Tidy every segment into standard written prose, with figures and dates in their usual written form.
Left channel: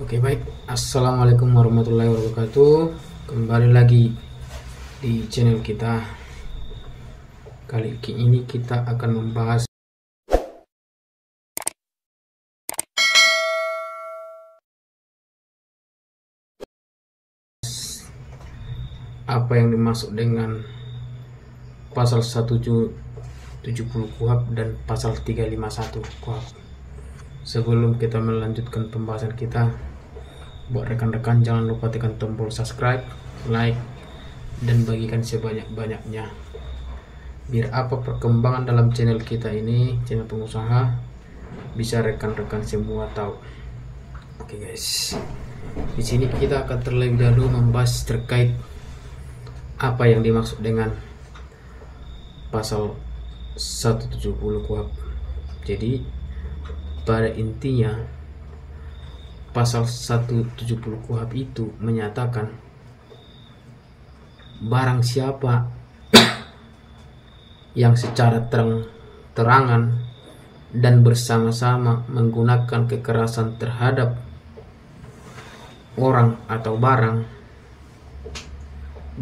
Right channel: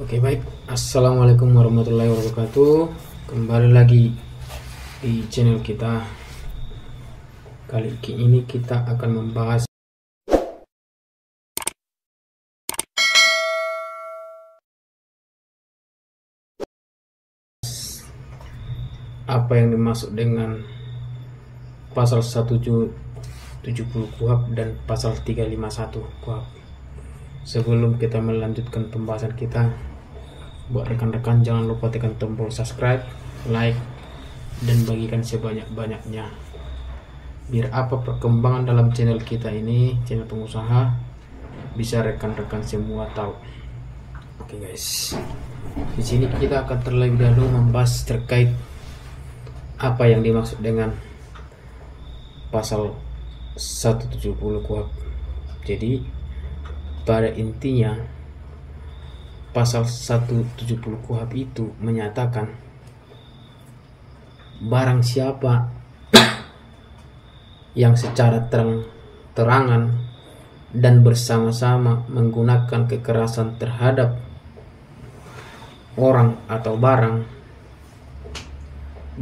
Oke, baik. Assalamualaikum warahmatullahi wabarakatuh. Kembali lagi di channel kita. Kali ini kita akan membahas apa yang dimaksud dengan pasal 170 KUHP dan pasal 351 KUHP. Sebelum kita melanjutkan pembahasan kita, buat rekan-rekan jangan lupa tekan tombol subscribe, like, dan bagikan sebanyak-banyaknya, biar apa perkembangan dalam channel kita ini, channel pengusaha, bisa rekan-rekan semua tahu. Oke guys, di sini kita akan terlebih dahulu membahas terkait apa yang dimaksud dengan pasal 170 KUHP. Jadi pada intinya pasal 170 KUHP itu menyatakan barang siapa yang secara terang-terangan dan bersama-sama menggunakan kekerasan terhadap orang atau barang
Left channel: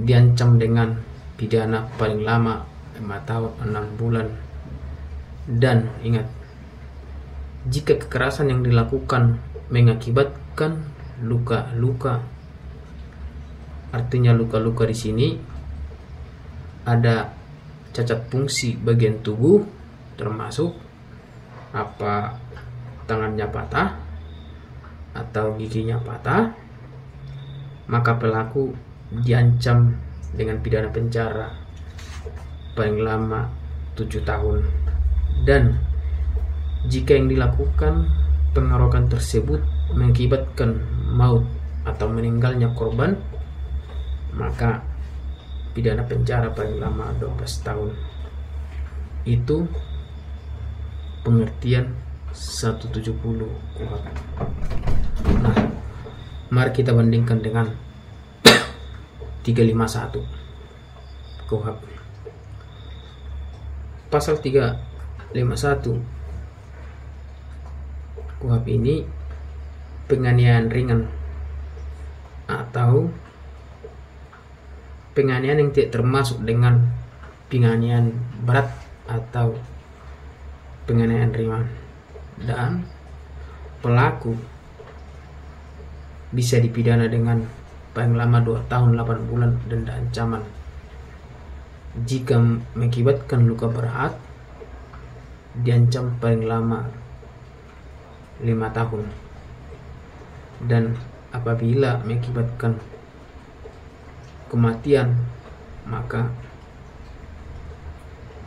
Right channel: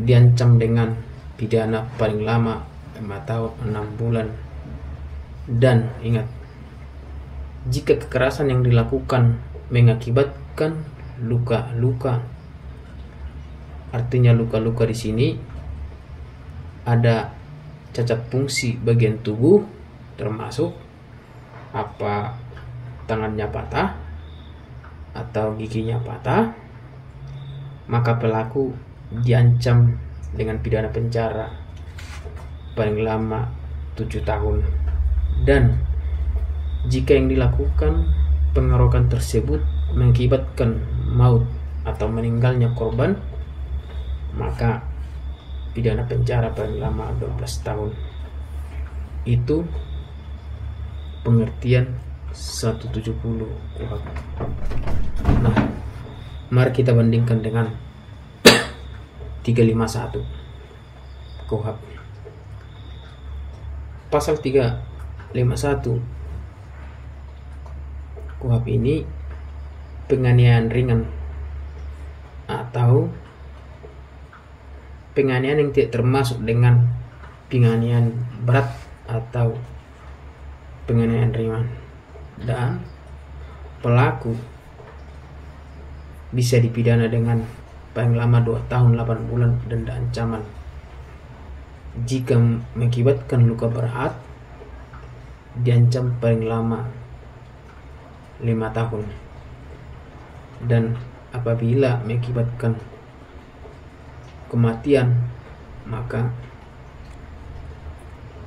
diancam dengan pidana paling lama 5 tahun 6 bulan. Dan ingat, jika kekerasan yang dilakukan mengakibatkan luka-luka, artinya luka-luka di sini ada cacat fungsi bagian tubuh, termasuk apa tangannya patah atau giginya patah, maka pelaku diancam dengan pidana penjara paling lama 7 tahun. Dan jika yang dilakukan pengeroyokan tersebut mengakibatkan maut atau meninggalnya korban, maka pidana penjara paling lama 12 tahun. Itu pengertian 170 KUHP. Nah, mari kita bandingkan dengan 351 KUHP. Pasal 351 KUHP ini penganiayaan ringan atau penganiayaan yang tidak termasuk dengan penganiayaan berat atau penganiayaan ringan, dan pelaku bisa dipidana dengan paling lama 2 tahun 8 bulan denda ancaman. Jika mengakibatkan luka berat, diancam paling lama 5 tahun. Dan apabila mengakibatkan kematian, maka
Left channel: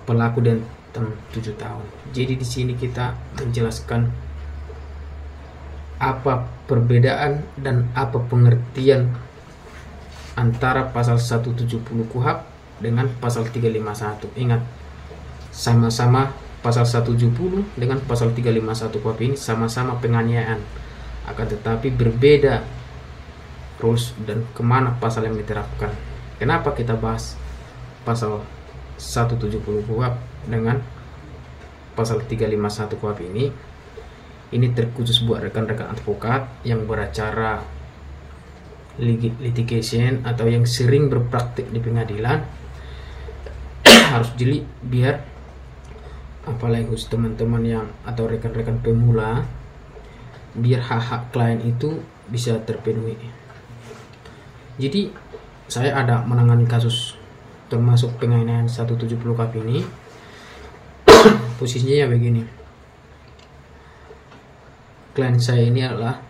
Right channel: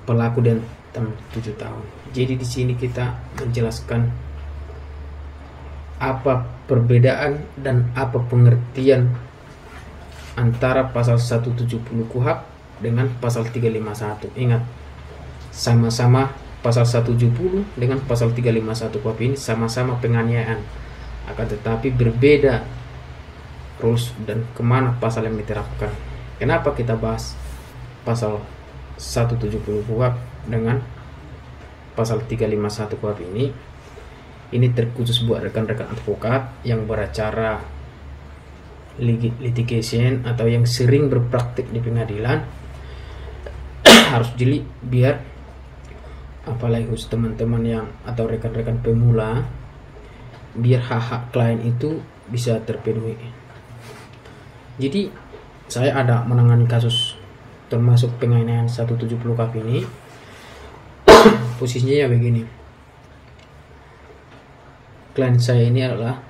pelaku diancam 7 tahun. Jadi di sini kita menjelaskan apa perbedaan dan apa pengertian antara pasal 170 KUHP dengan pasal 351. Ingat, sama-sama pasal 170 dengan pasal 351 KUHP ini sama-sama penganiayaan, akan tetapi berbeda rules dan kemana pasal yang diterapkan. Kenapa kita bahas pasal 170 KUHP dengan pasal 351 KUHP ini? Ini terkhusus buat rekan-rekan advokat yang beracara litigation atau yang sering berpraktik di pengadilan. Harus jeli biar apalagi khusus teman-teman yang atau rekan-rekan pemula, biar hak-hak klien itu bisa terpenuhi. Jadi saya ada menangani kasus termasuk penganiayaan 170 KUHP ini. Posisinya ya begini, klien saya ini adalah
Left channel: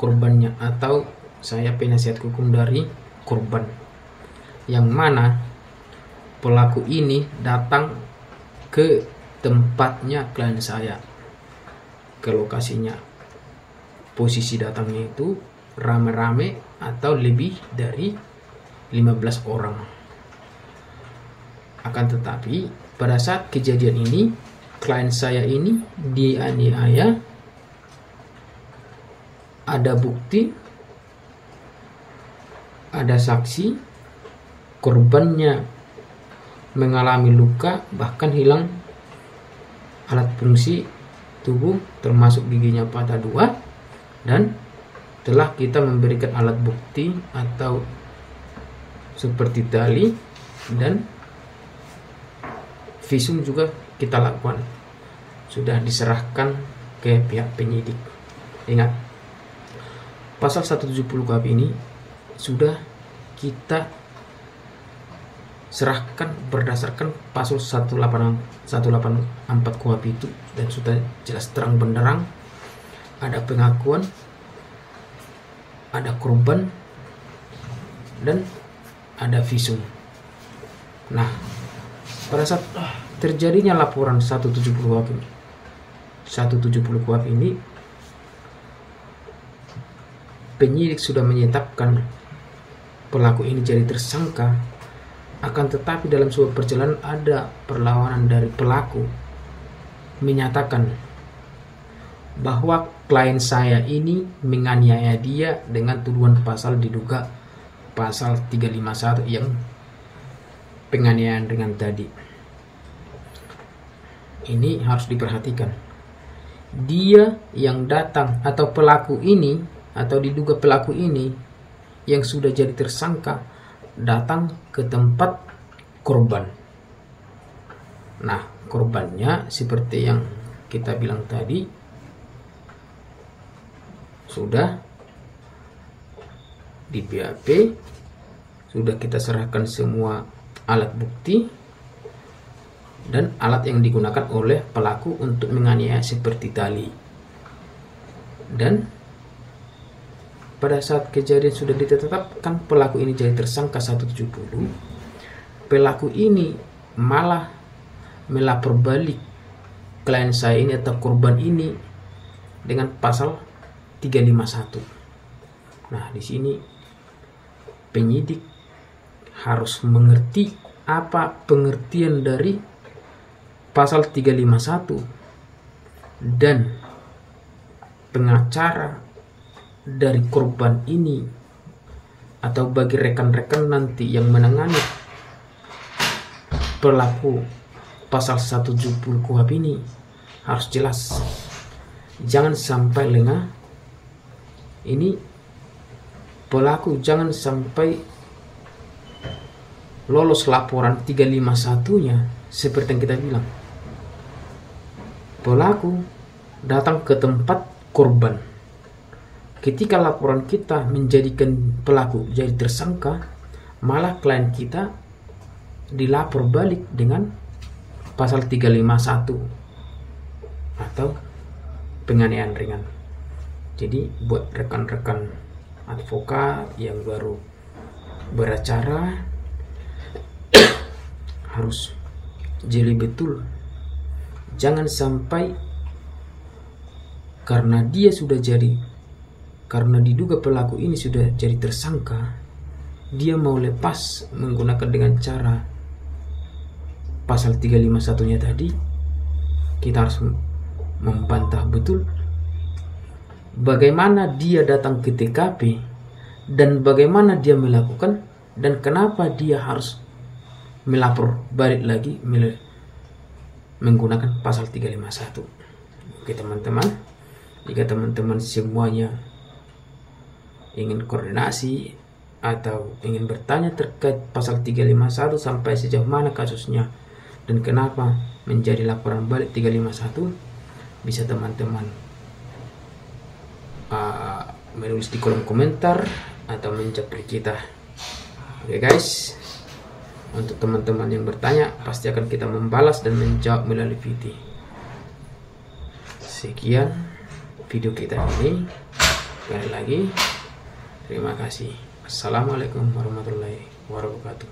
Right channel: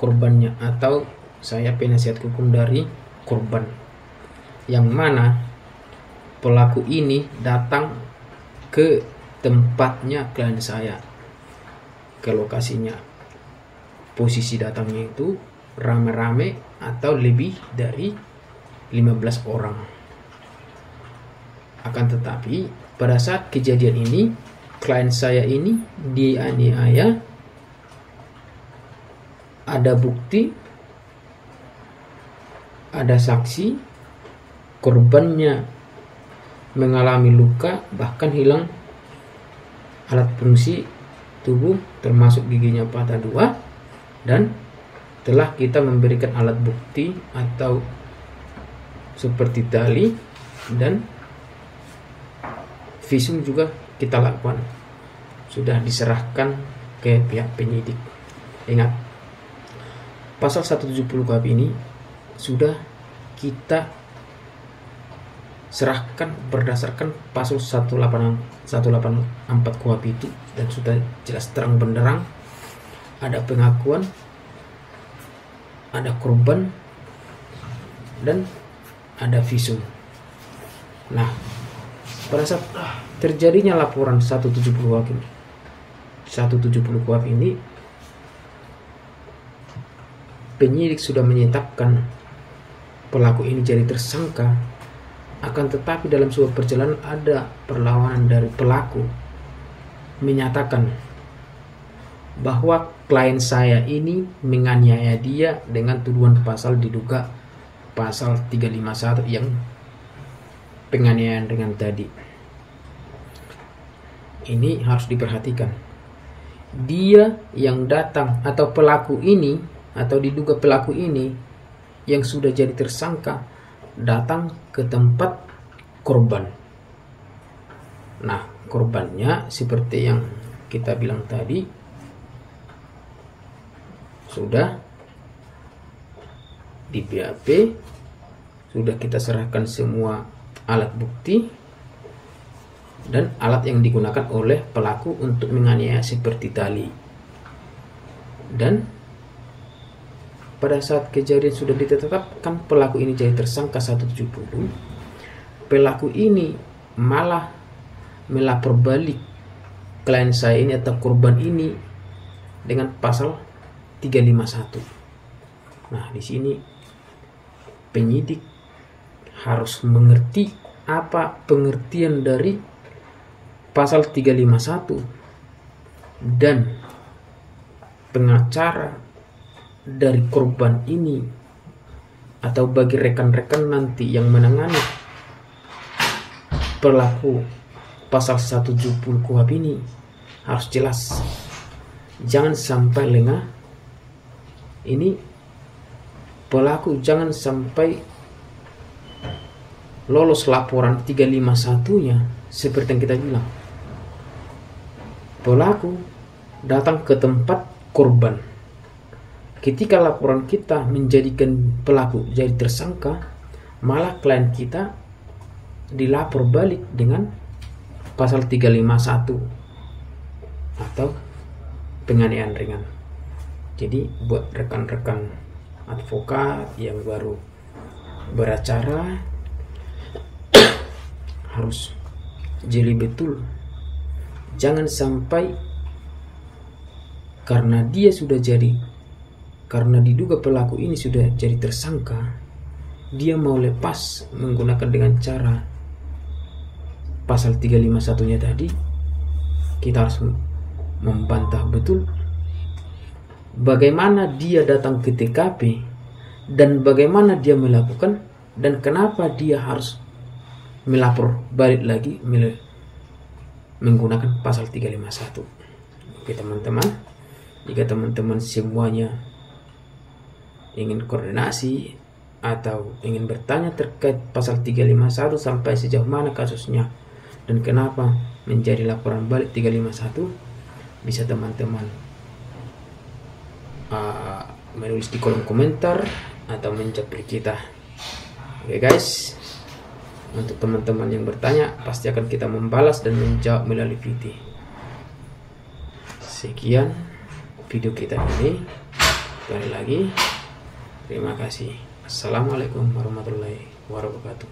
korbannya atau saya penasihat hukum dari korban, yang mana pelaku ini datang ke tempatnya klien saya, ke lokasinya. Posisi datangnya itu rame-rame atau lebih dari 15 orang. Akan tetapi pada saat kejadian ini, klien saya ini dianiaya, ada bukti, ada saksi, korbannya mengalami luka, bahkan hilang alat fungsi tubuh termasuk giginya patah 2, dan setelah kita memberikan alat bukti atau seperti tali dan visum juga kita lakukan, sudah diserahkan ke pihak penyidik. Ingat, pasal 170 KUHP ini sudah kita serahkan berdasarkan pasal 184 KUHP itu, dan sudah jelas terang benderang ada pengakuan, ada korban, dan ada visum. Nah, pada saat terjadinya laporan 170 KUHP ini, penyidik sudah menyetapkan pelaku ini jadi tersangka. Akan tetapi dalam sebuah perjalanan ada perlawanan dari pelaku, menyatakan bahwa klien saya ini menganiaya dia dengan tuduhan pasal diduga pasal 351 yang penganiayaan dengan tadi. Ini harus diperhatikan. Dia yang datang atau pelaku ini atau diduga pelaku ini yang sudah jadi tersangka datang ke tempat korban. Nah, korbannya seperti yang kita bilang tadi, sudah di BAP, sudah kita serahkan semua alat bukti dan alat yang digunakan oleh pelaku untuk menganiaya seperti tali. Dan pada saat kejadian sudah ditetapkan pelaku ini jadi tersangka 170, pelaku ini malah melapor balik klien saya ini atau korban ini dengan pasal 351. Nah, di sini penyidik harus mengerti apa pengertian dari pasal 351, dan pengacara dari korban ini atau bagi rekan-rekan nanti yang menangani pelaku pasal 170 KUHP ini harus jelas. Jangan sampai lengah. Ini pelaku jangan sampai lolos laporan 351-nya. Seperti yang kita bilang, pelaku datang ke tempat korban. Ketika laporan kita menjadikan pelaku jadi tersangka, malah klien kita dilapor balik dengan pasal 351 atau penganiayaan ringan. Jadi buat rekan-rekan advokat yang baru beracara harus jeli betul. Jangan sampai karena diduga pelaku ini sudah jadi tersangka, dia mau lepas menggunakan dengan cara pasal 351-nya tadi. Kita harus membantah betul bagaimana dia datang ke TKP dan bagaimana dia melakukan dan kenapa dia harus melapor balik lagi menggunakan pasal 351. Oke teman-teman, jika teman-teman semuanya ingin koordinasi atau ingin bertanya terkait pasal 351 sampai sejauh mana kasusnya dan kenapa menjadi laporan balik 351, bisa teman-teman menulis di kolom komentar atau menjapri kita. Oke guys, untuk teman-teman yang bertanya pasti akan kita membalas dan menjawab melalui video. Sekian video kita ini. Sekali lagi terima kasih. Assalamualaikum warahmatullahi wabarakatuh.